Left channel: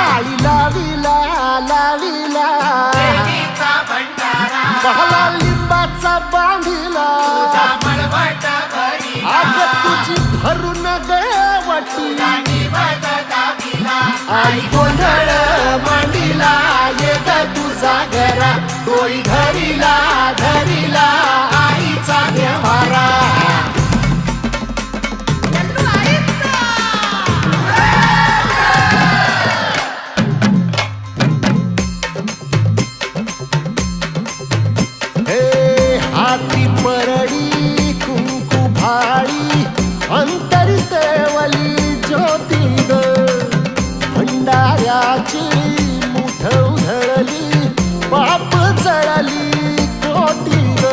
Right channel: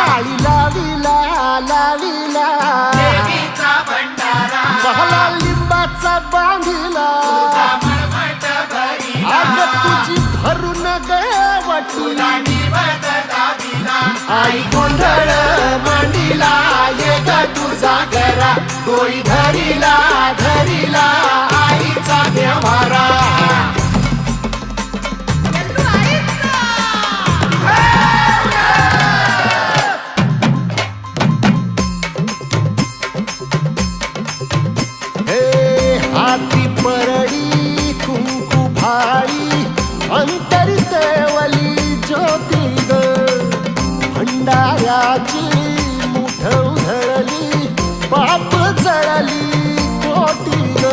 आळी लाविला लाविला बहला लिंबाचा बांधिला आग तुझी भरून गवटी आई गोंधळ मांडीला ये ग तुझा घरा डोई धरीला धरीला आईचा देवारा हाती परडी कुंकू भाळी अंतरितवली ज्योती ग भंडाऱ्याची मुठ उधळली पाप जळली कोटी ग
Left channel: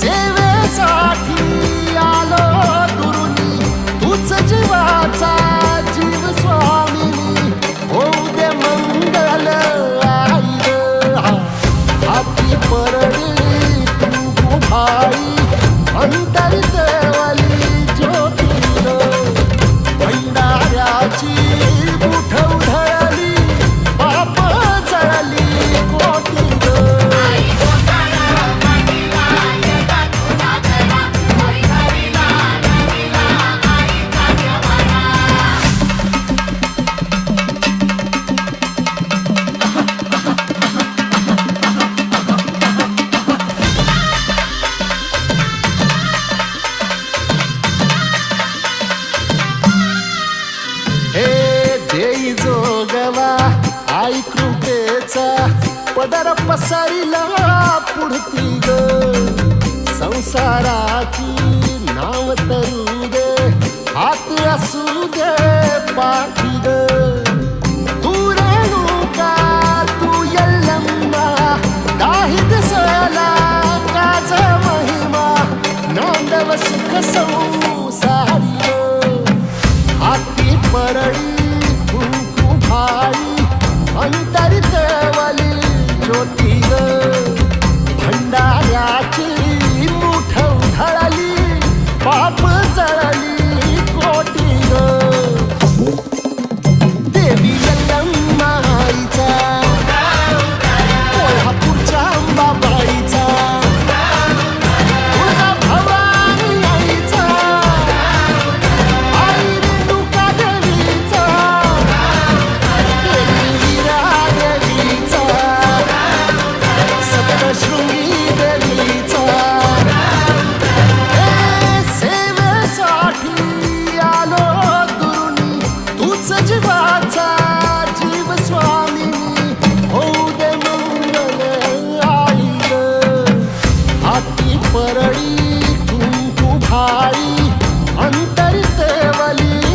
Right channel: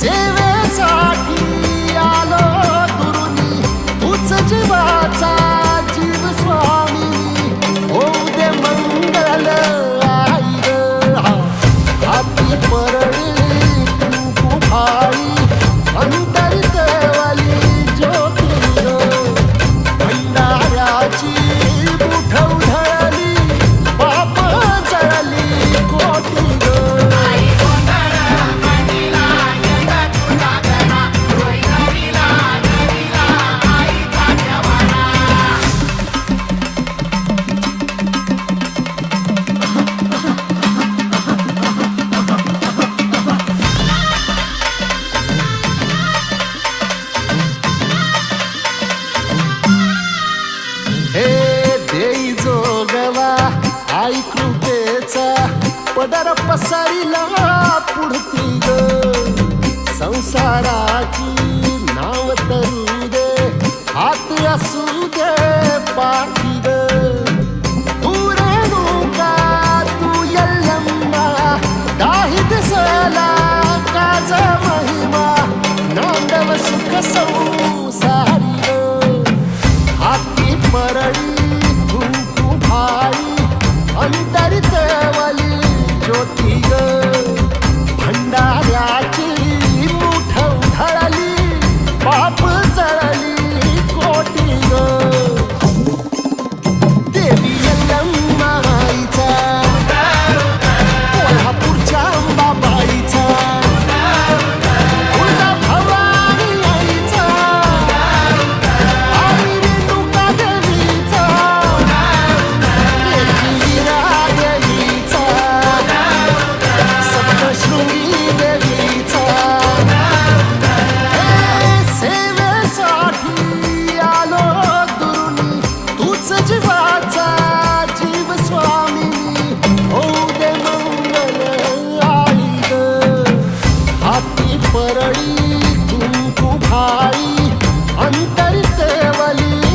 सेवेसाठी आलो दुरुनी तूच जीवाचा जीव स्वामिनी होऊ दे मंगल आई ग हाती परडी भाई अंतरितवली ज्योती भंडाऱ्याची मुठ उधळली पाप जळली कोटी ग देई जोगवा आई कृपेचा पदर पसरिला पुढती ग संसाराची नाव तरू दे हात असू दे पाठी ग तू रेणुका तू यल्लम्मा दाही दिसला काज महिमा नांदव सुख संसारी ग हाती परडी कुंकू भाळी अंतरितवली ज्योती ग भंडाऱ्याची मुठ उधळली पाप जळली कोटी ग देवी यल्लम्मा आईचा कोल्हापूरच्या अंबाबाईचा तुळजा भवानी आईचा शृंगी देवीचा हे सेवेसाठी आलो दुरुनी तूच जीवाचा जीव स्वामिनी होऊ दे मंगल आई ग हाती परडी कुंकू भाळी अंतरितवली